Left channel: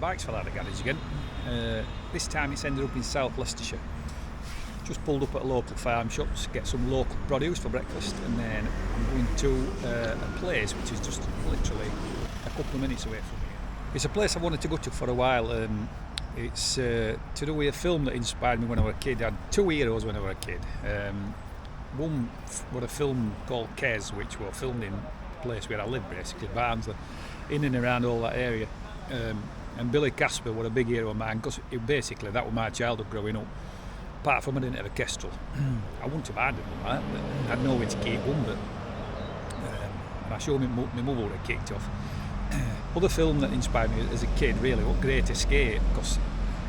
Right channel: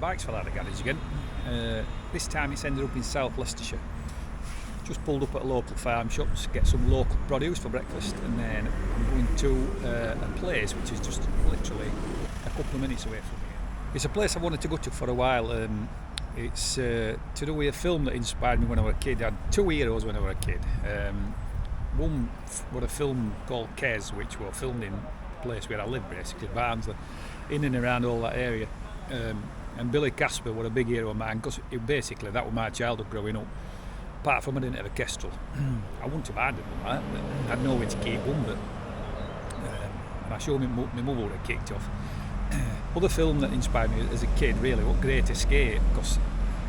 bikes fell out of the garage again. This time it's ended up in South Leicestershire. Just pulled up at a local farm shop to get some local produce for breakfast, and then I'm going to a place which is just literally a couple of minutes away from here. It's a place I wanted to go to for a while. It's to do with a film that inspired me when I was a kid. I had two heroes when I was a kid. One was a film called Kes, which was filmed in the place where I live, basically, Barnsley, in and around all that area. And Billy Casper was a big hero of mine, because basically that was my childhood growing up. Apart from I didn't have a Kestrel. I wouldn't have minded that, but I'd know where to keep one, but and I showed my mother would have kicked off. Other film that inspired me as a kid really was Great Escape, because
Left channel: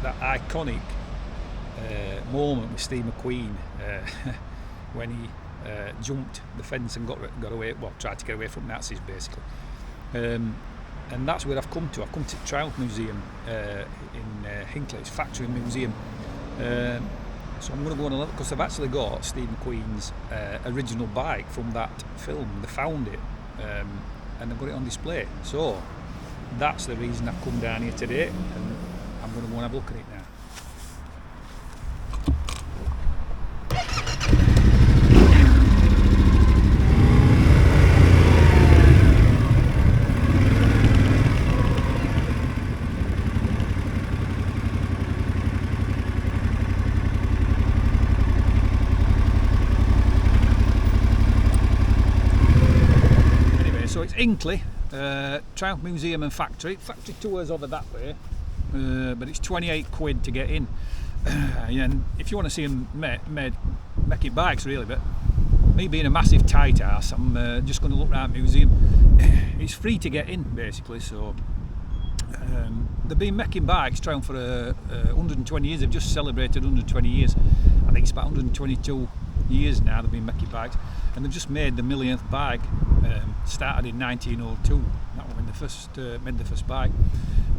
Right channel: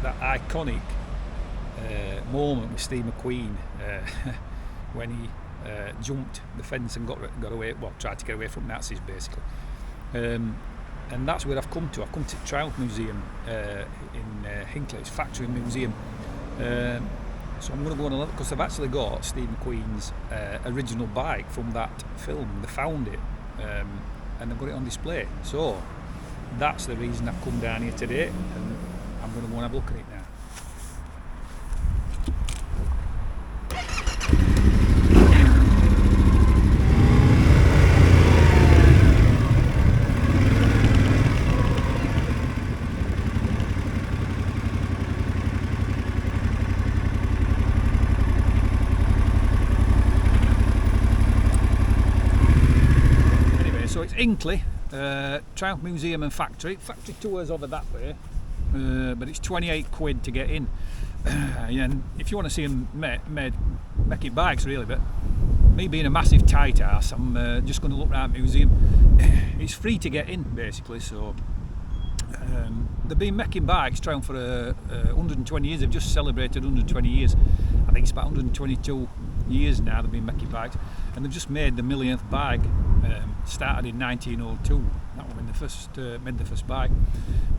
that iconic moment with Steve McQueen when he jumped the fence and got away, well, tried to get away from Nazis basically. And that's where I've come to. I've come to Triumph Museum in Hinckley. It's Factory Museum. So I'm going to go on a look, because they've actually got Steve McQueen's original bike from that film. They found it and they've got it on display. So that's the reason I've come down here today, and I'm going to go and have a look at it now. So it's Hinckley, Triumph Museum and Factory. Factory tours over that way, but it's 28 quid to get in. And if you want to see them making bikes really, but me being a massive tight ass, I'm just going to look around the museum. It's free to get in basically, so they've been making bikes, Triumph, for 120 years. They've just celebrated 120 years. I think it's about 122 years now they've been making bikes, and they've just made the millionth bike. Started in 1902. That was when they first made the first bike.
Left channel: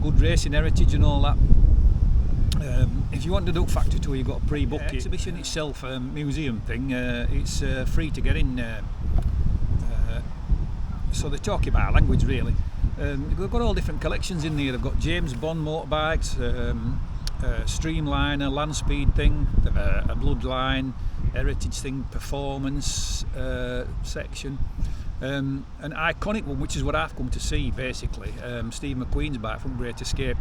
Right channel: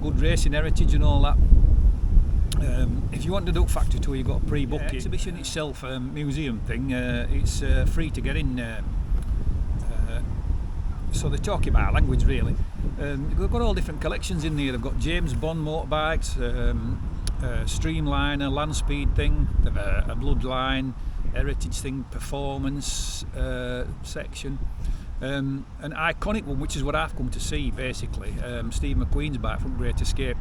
Good racing heritage and all that. If you want to do Factory tour, you've got to pre-book it. Exhibition itself, museum thing, it's free to get in. So they're talking about language really. They've got all different collections in there. They've got James Bond motorbikes, Streamliner, Land Speed thing, a Bloodline heritage thing, performance section. An iconic one, which is what I've come to see basically, Steve McQueen's bike from Great Escape.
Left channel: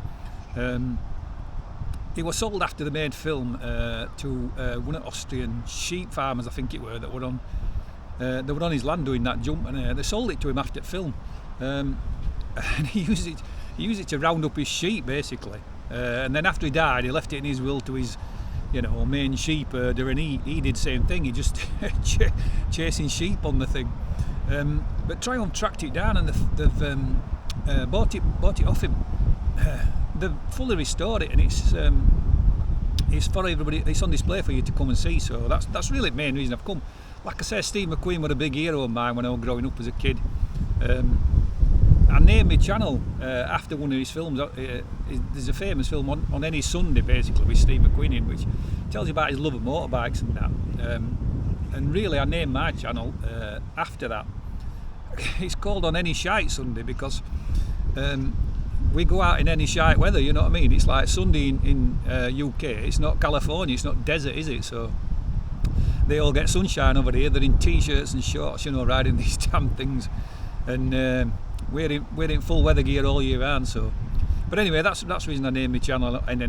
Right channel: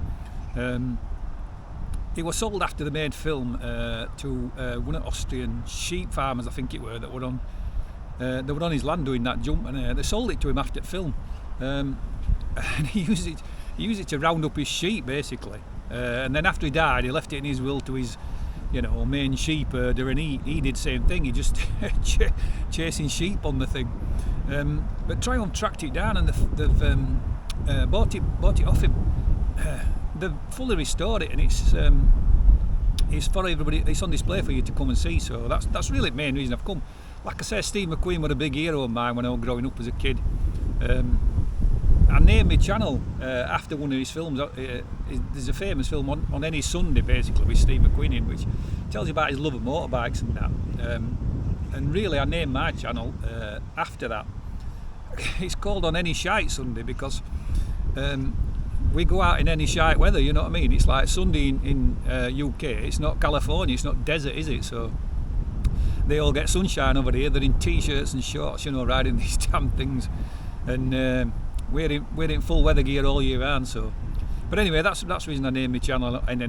It was sold after the made film to one of Austrian sheep farmers, I think it were, that were on his land doing that jump, and they sold it to him after the film. And he used it to round up his sheep basically. And then after he died, he left it in his will to his main sheep herder, and he did the same thing. He just chasing sheep on the thing. But Triumph tracked it down, and they've bought it off him. They've fully restored it, and it's for everybody. It's on display for you to come and see. So that's really the main reason I've come. Like I say, Steve McQueen was a big hero of mine when I was growing up as a kid. I named my channel after one of his films. There's a famous film on any Sunday basically with Steve McQueen in, which tells you about his love of motorbikes and that. And really I named my channel after that. It's called On Any Shite Sunday because we go out in any shite weather, you know what I mean? It's like Sunday in UK, it's not California, it's not desert, is it? So they all get sunshine over here. They're in t-shirts and shorts, riding these damn things, and we're in full weather gear all year round. So, but anyway, that's the reason I named my channel in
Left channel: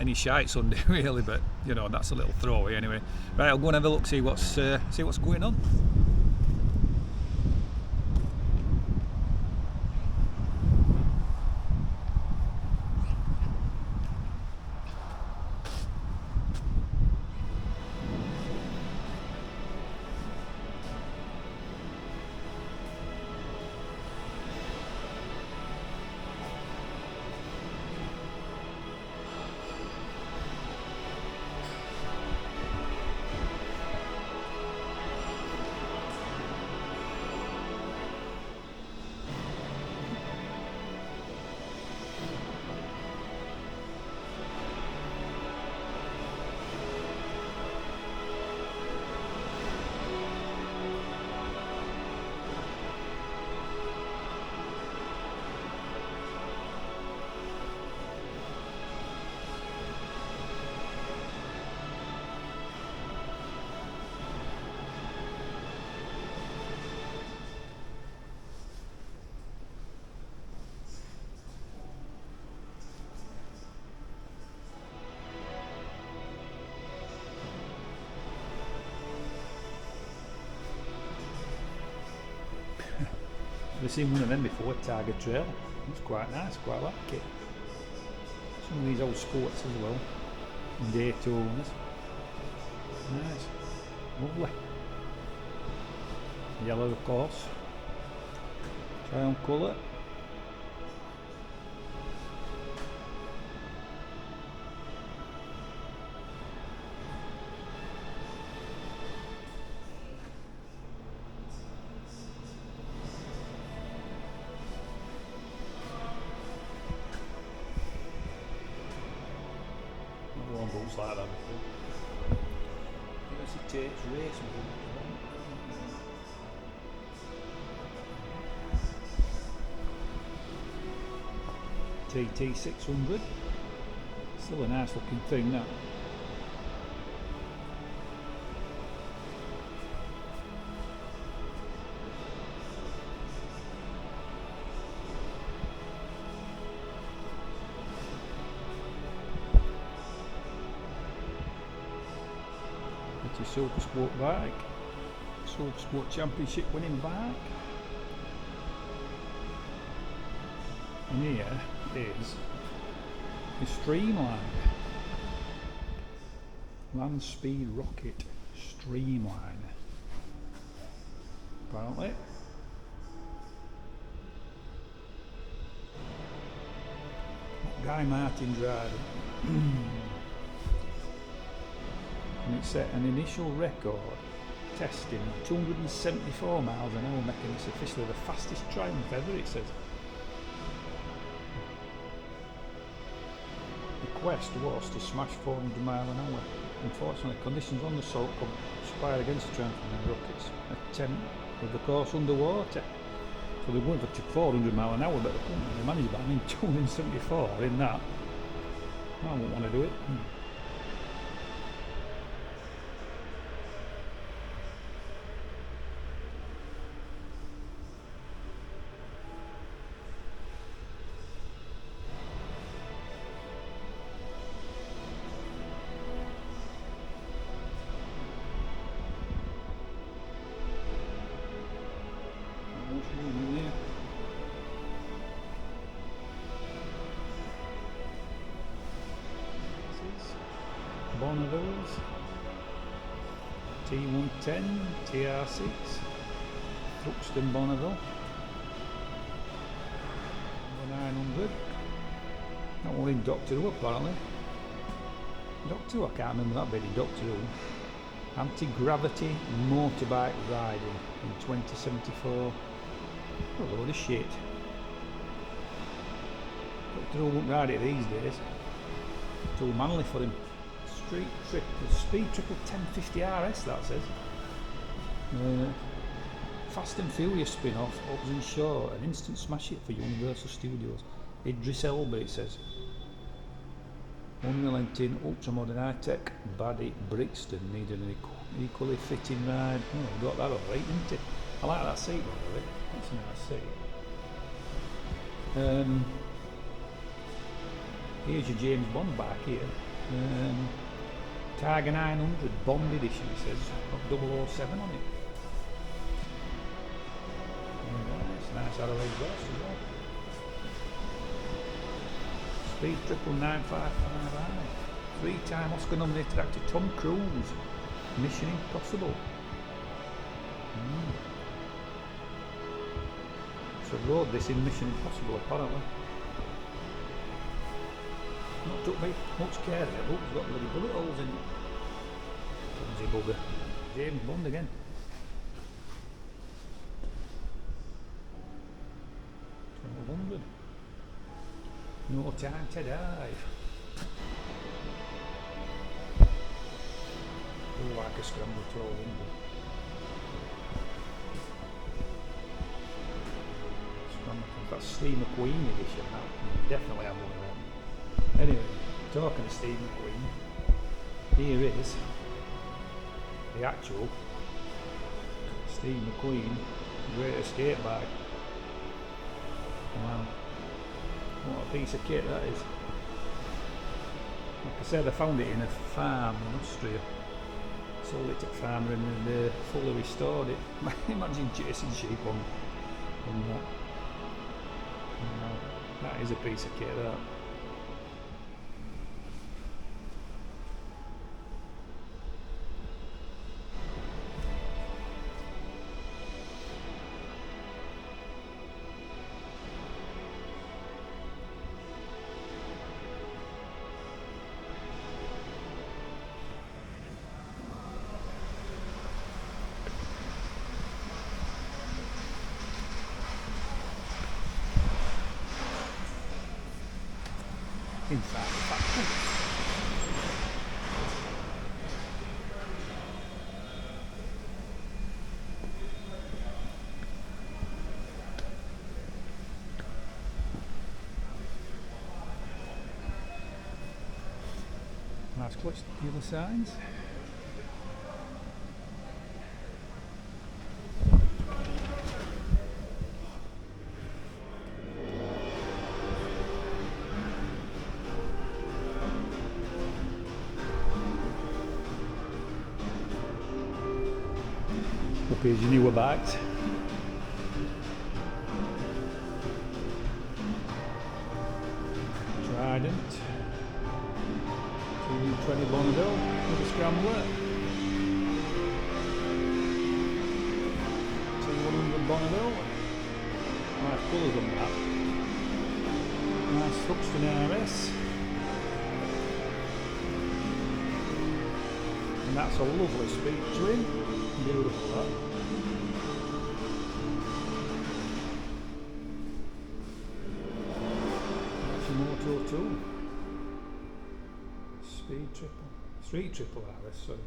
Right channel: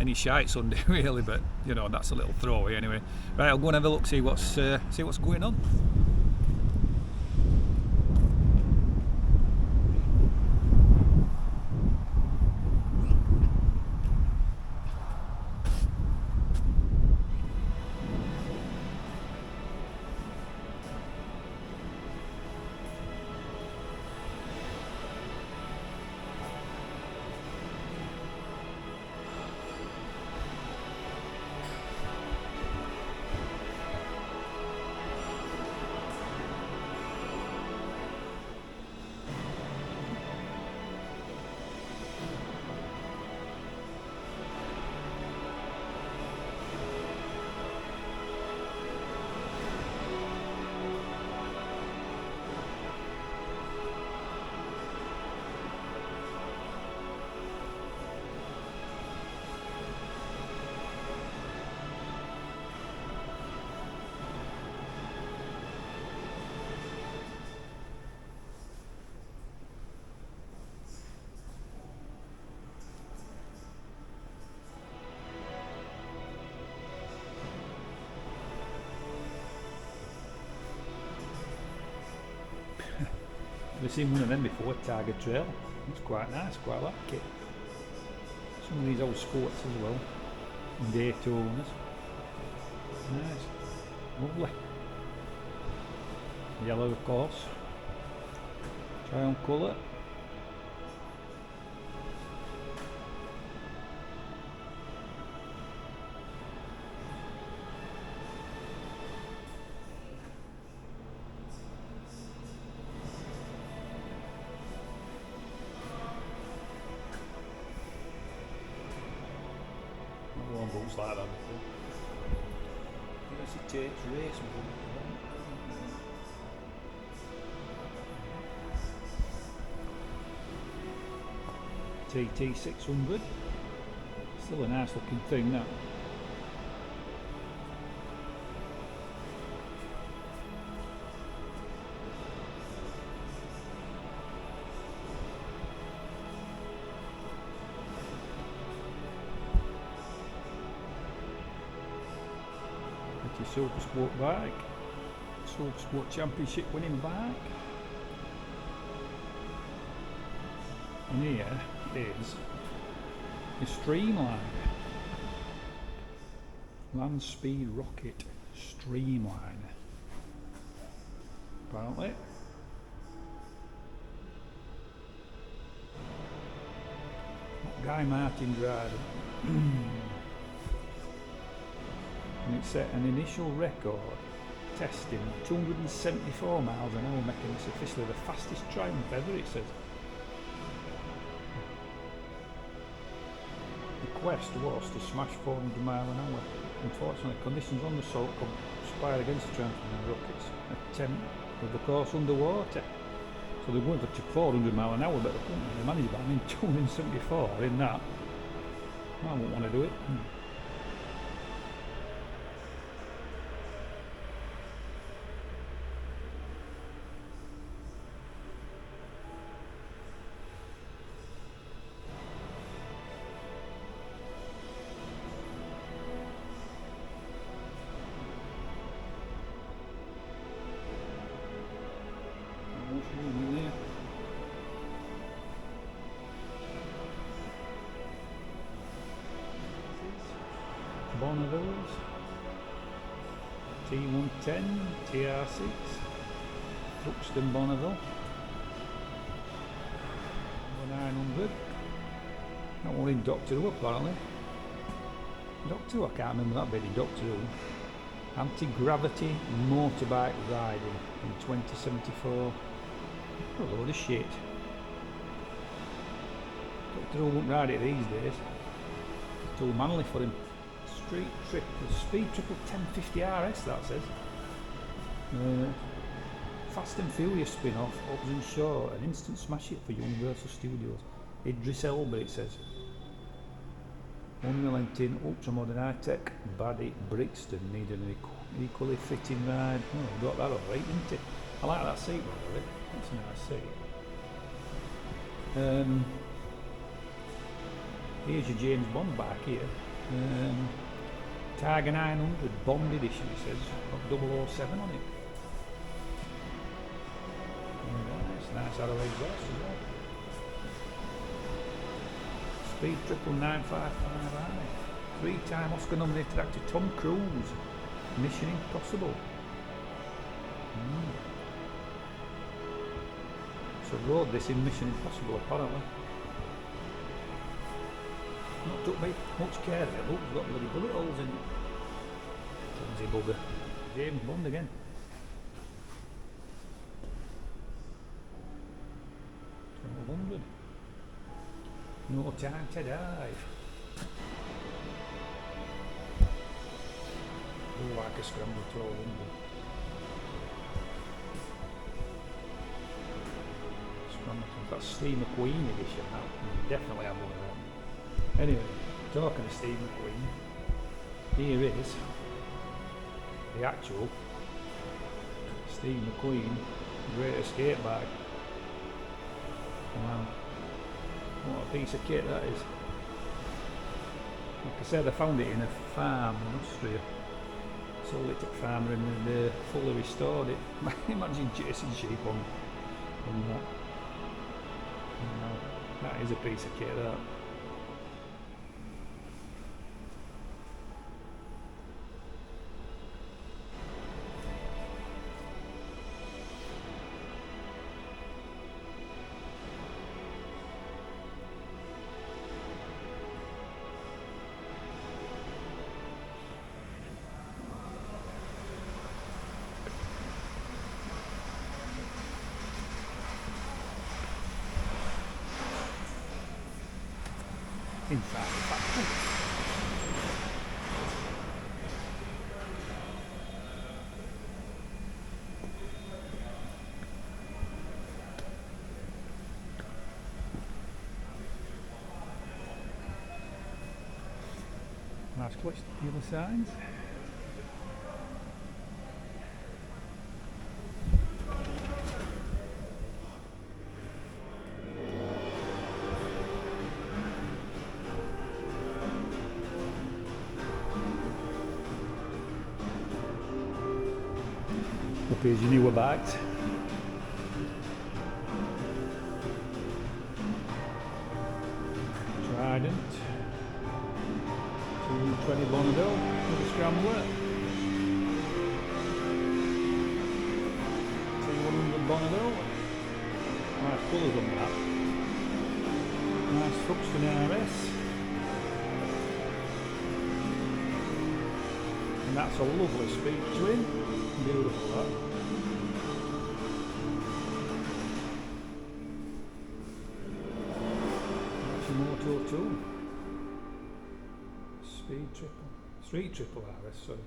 any shite Sunday really. But that's a little throwaway anyway. Right, I'll go and have a look, see what's going on. Never seen one of them before, Tiger Trail. It's quite nice, quite like it. Some of these old Scots as well. Daytonas. Nice. Lovely. Yellow of course. Try on colour. One boots like that before. Yes, it takes race TT 600. Still a nice looking thing that. It's a Super Sport bike, Super Sport Championship winning bike. And here is the Streamline Land Speed Rocket Streamline. Apparently. Guy Martin's riding. And it set an initial record testing 274 miles an hour, making this officially the fastest Triumph ever, it says. The quest was to smash 400 miles an hour. Unfortunately, conditions on the salt conspired against the Triumph and the Rocket's attempt with the course underwater. So they were going for 400 miles an hour, but they couldn't really manage that. I mean, 274 in that. I wouldn't want to do it. Bonneville's T110 TR6 Buxton Bonneville 900. That one in Doctor Who apparently. Doctor Who, I can't remember that bit in Doctor Who. Anti-gravity motorbike riding in 2074. A load of shit. Doctor Who won't ride it these days. Too manly for him. Speed triple 1050 RS, that says. Fast and Furious spin-off, Hobbs and Shaw, an instant smash hit for Universal Studios. Idris Elba, it says. Unrelenting, ultra-modern high-tech, baddie Brixton needed an equally fitting ride. Oh, we got that alright, didn't it? I like that seat, by the way. That's a nice seat. Here's your James Bond bike here. Tiger 900 Bond edition, it says, got 007 on it. Nice Arrow exhaust as well. Speed triple 955i. 3-time Oscar nominated actor Tom Cruise. Mission Impossible. So rode this in Mission Impossible apparently. Not took much care of it. Look, it's got bloody bullet holes in it. Clumsy bugger. James Bond again. $1,200. No Time to Dive. Oh, like a scramble 1200. That's Steve McQueen edition. That definitely have one of them. Anyway, talking of Steve McQueen, here is the actual Steve McQueen Great Escape bike. Wow, what a piece of kit that is. Like I said, I found it in a farm in Austria. Sold it to a farmer and they fully restored it. Imagine chasing sheep on from that. That is a piece of kit, that. Inside the factory. Nice clutch dealer signs. Up here's your newer bikes. Trident, 220 Bonneville with a scrambler, 2100 Bonneville. Nice colours on that. Nice Huxton RS. And that's a lovely speed twin. Beautiful that. That's your Moto 2. Street triple RS, sorry.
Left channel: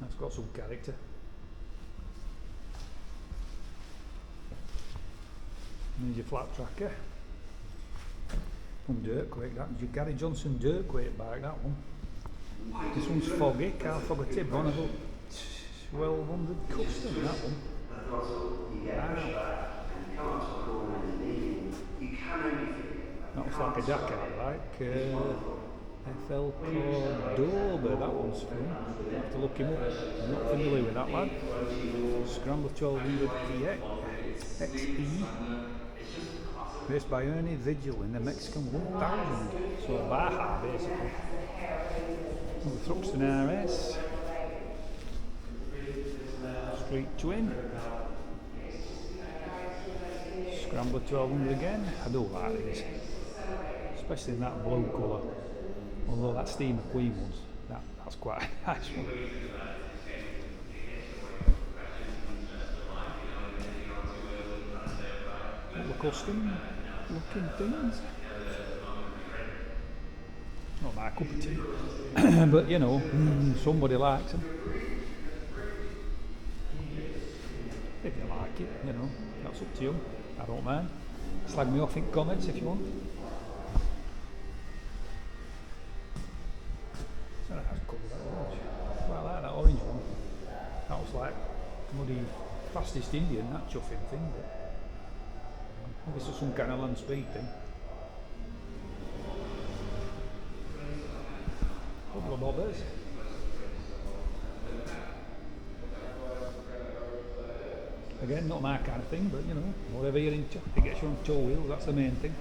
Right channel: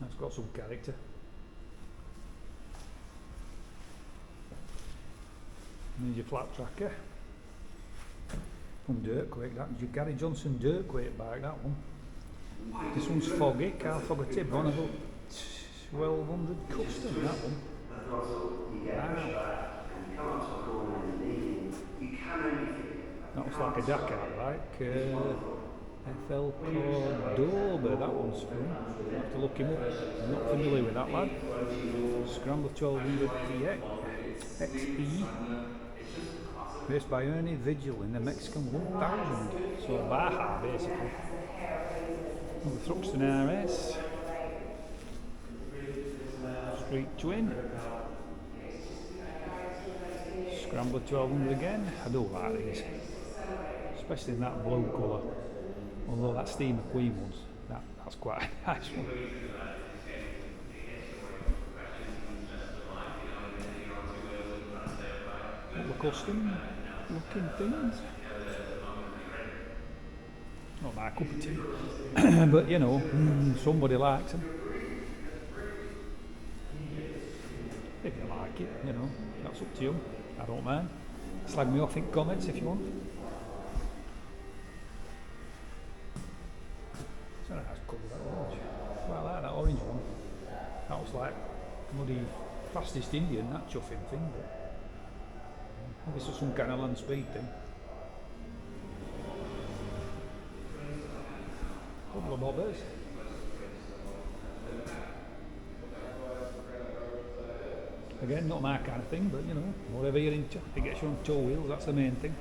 That's got some character. There's your flat tracker. From Dirtquake, that was your Gary Johnson Dirtquake bike, that one. This one's foggy, car foggy tip, Bonneville 1200 custom, that one. Wow. That looks like a Dakar bike. FL Cordoba, that one's from. I have to look him up. I'm not familiar with that lad. Scrambler 1200 XE. Raced by Ernie Vigil in the Mexican 1000. So Baja, basically. The Thruxton RS. Street Twin. Scrambler 1200 again. I do like these. Especially in that blue colour. Although that Steve McQueen ones, that's quite a nice one. All the custom looking things. Not my cup of tea. But you know, somebody likes them. If you like it, you know, that's up to you. I don't mind. Slag me off in comments if you want. It's a nice colour, that orange. Well, I like that orange one. That was like bloody fastest Indian, that chuffing thing. But this is some kind of land speed thing. Couple of bobbers. Again, not my kind of thing, but you know, whatever you're into, it gets you on two wheels, that's the main thing.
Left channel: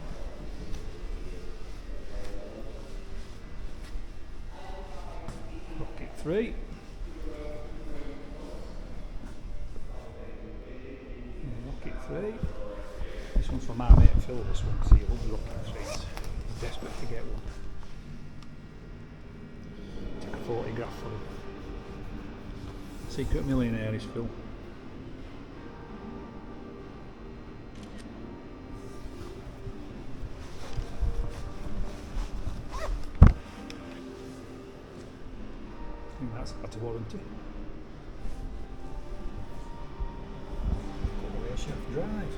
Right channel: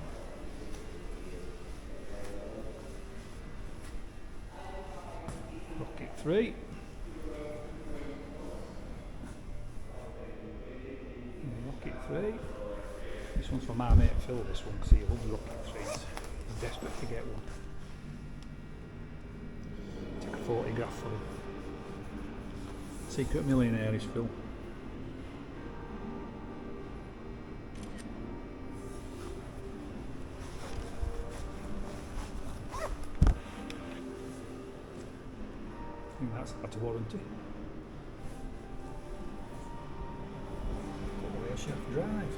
Rocket 3. Rocket 3. This one's for my mate Phil, this one, because he loves Rocket 3s. He's desperate to get one. Take a photograph for him. Secret millionaire is Phil. I think that's out of warranty. Got the way shaft drive.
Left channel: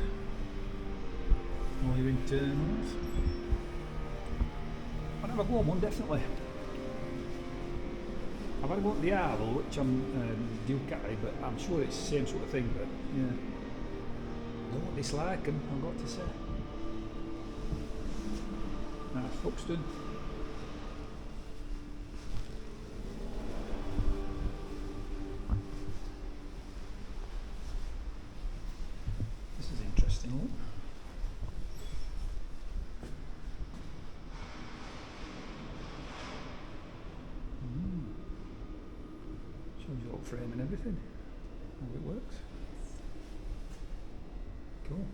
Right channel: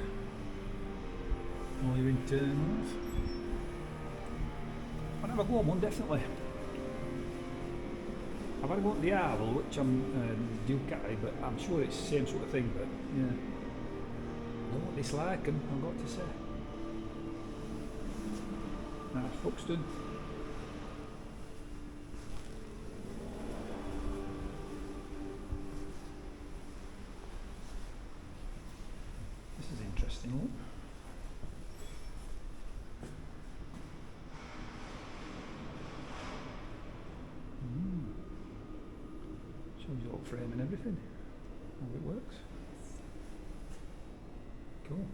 All your internals. I'll have a go on one, definitely. I've had a go at the Arvel, which I'm Ducati, but I'm sure it's the same sort of thing, but yeah. I don't dislike them, I've got to say. Nice Fuxton. got frame and everything. How it works. Cool.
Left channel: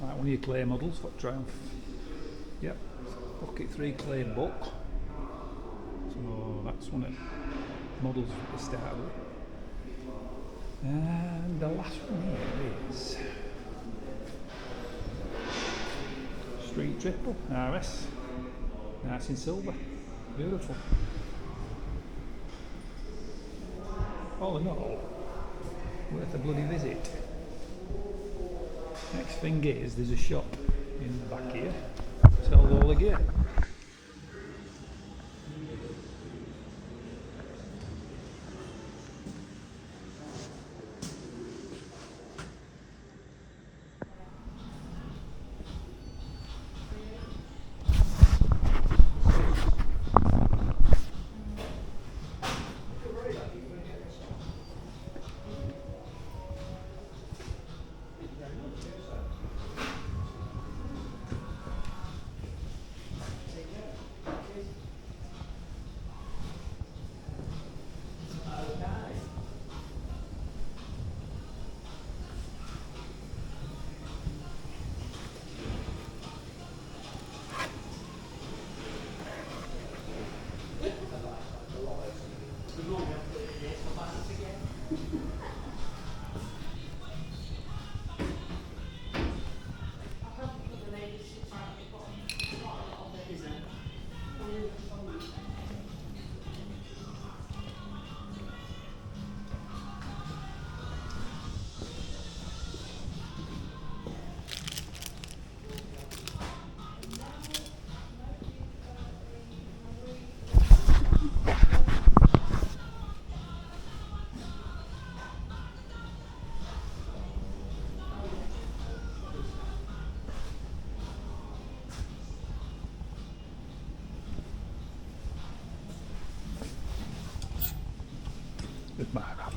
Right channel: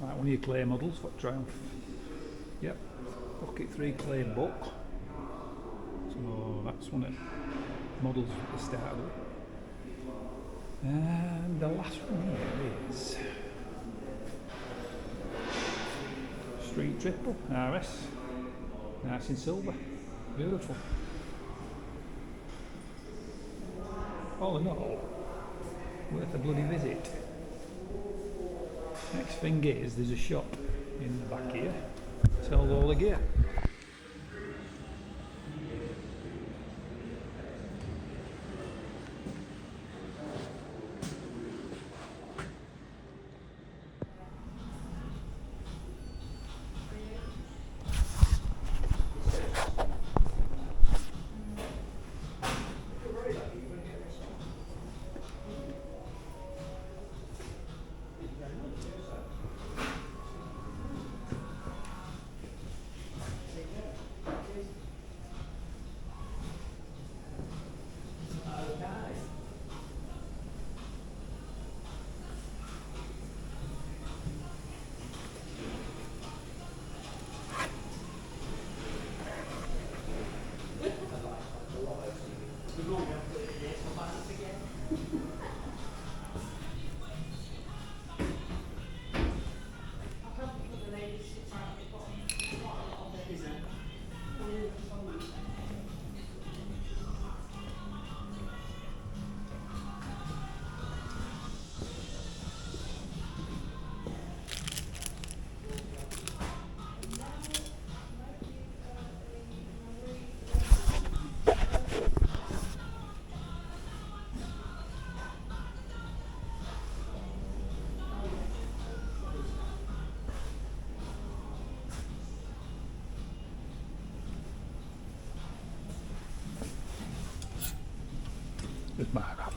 Right, one of your clay models for Triumph. Yep, Pocket 3 clay book. So that's one of the models at the start of it. And the last one here is Street Triple RS. Nice in silver. Beautiful. All in all, worth a bloody visit. Next thing is, there's a shop in the back here, sells all the gear. Goodbye, Rob.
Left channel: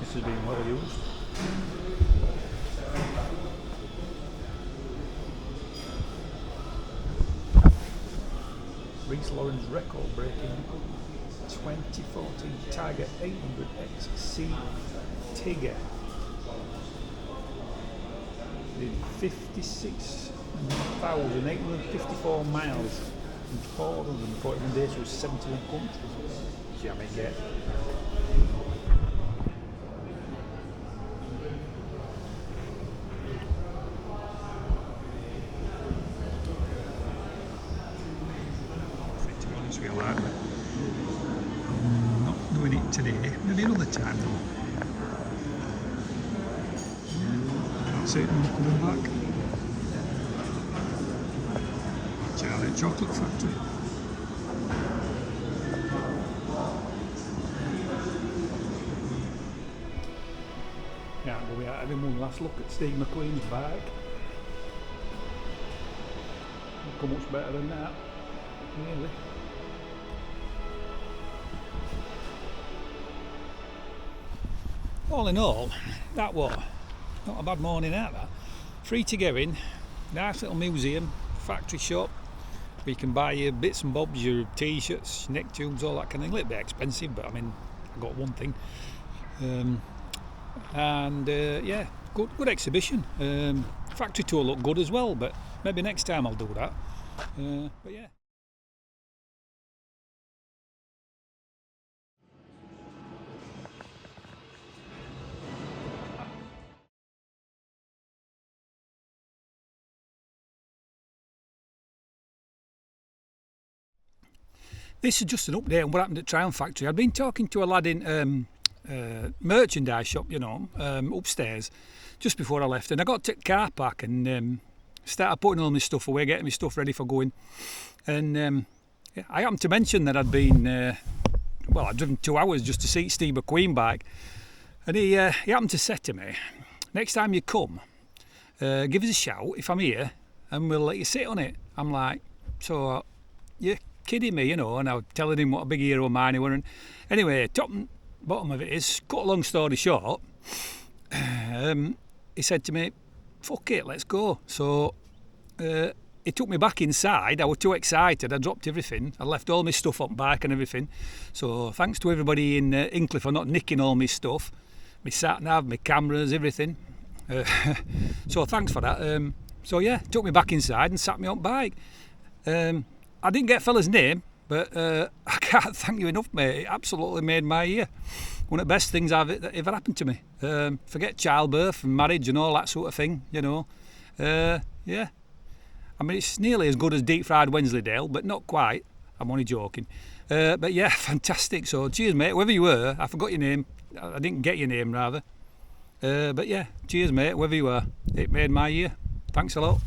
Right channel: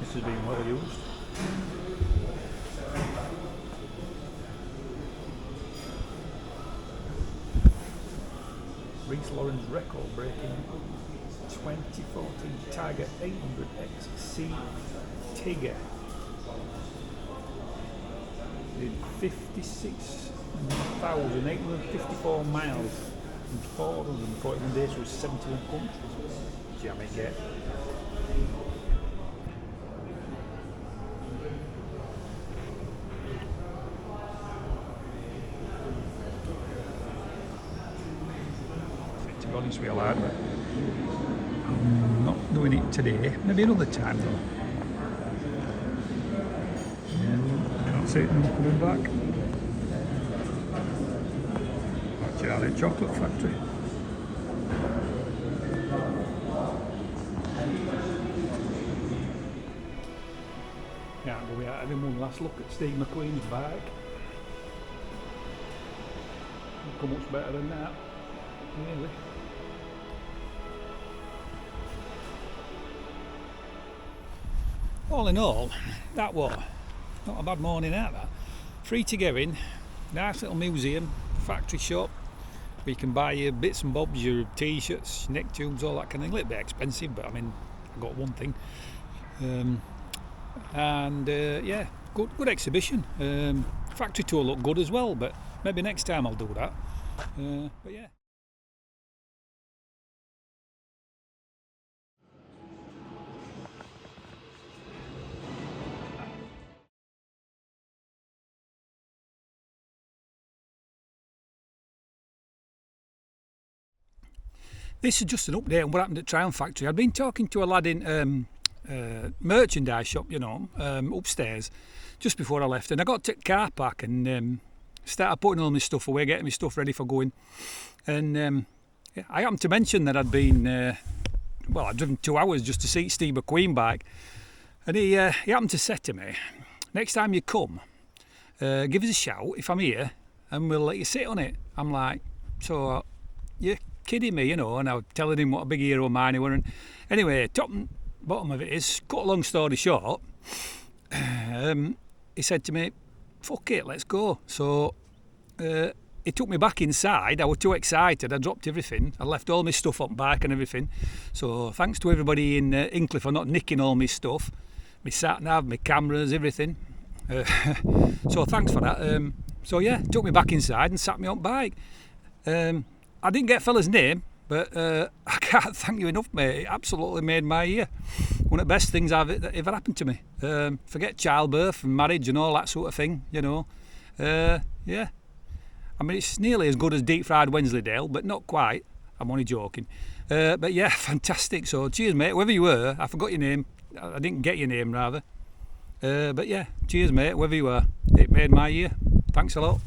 This has been well used. Reese Lawrence record breaking 2014 Tiger 800XC Tigger. Did 56,854 miles in 441 days with 71 countries. Jam it, get. To be honest with you, lad, but I'm not doing it today. Maybe another time though. Yeah, can't see it. I'm coming back. Charlie Chocolate Factory. Yeah, but we are having one last look at Steve McQueen's bike. Not come much better than that, really. All in all, that was not a bad morning out that. Free to go in, nice little museum, factory shop, where you can buy your bits and bobs, your t-shirts, neck tubes, all that kind of thing. A little bit expensive, but I mean, I got one thing. Yeah, good exhibition. Factory tour looked good as well, but maybe next time I'll do that. But yeah. This is just an update on what happened at Triumph Factory. I'd been talking to a lad in merchandise shop, you know, upstairs, just before I left, and I got to the car park and started putting all my stuff away, getting my stuff ready for going. And yeah, I happened to mention that I'd been, I'd driven 2 hours just to see Steve McQueen bike, and he happened to say to me, next time you come, give us a shout if I'm here, and we'll let you sit on it. I'm like, so you kidding me, you know, and I was telling him what a big hero of mine he were. And anyway, top and bottom of it is, cut a long story short, he said to me, fuck it, let's go. So he took me back inside. I was too excited. I dropped everything. I left all my stuff on bike and everything. So thanks to everybody in Hinckley for not nicking all my stuff. My sat-nav, my cameras, everything. So thanks for that. So yeah, took me back inside and sat me on bike. I didn't get fella's name, but I can't thank you enough, mate. It absolutely made my year. One of the best things that ever happened to me. Forget childbirth and marriage and all that sort of thing, you know. Yeah. I mean, it's nearly as good as deep fried Wensleydale, but not quite. I'm only joking. But yeah, fantastic. So cheers, mate. Whoever you were, I forgot your name. I didn't get your name, rather. But yeah, cheers, mate. Whoever you are, it made my year. Thanks a lot.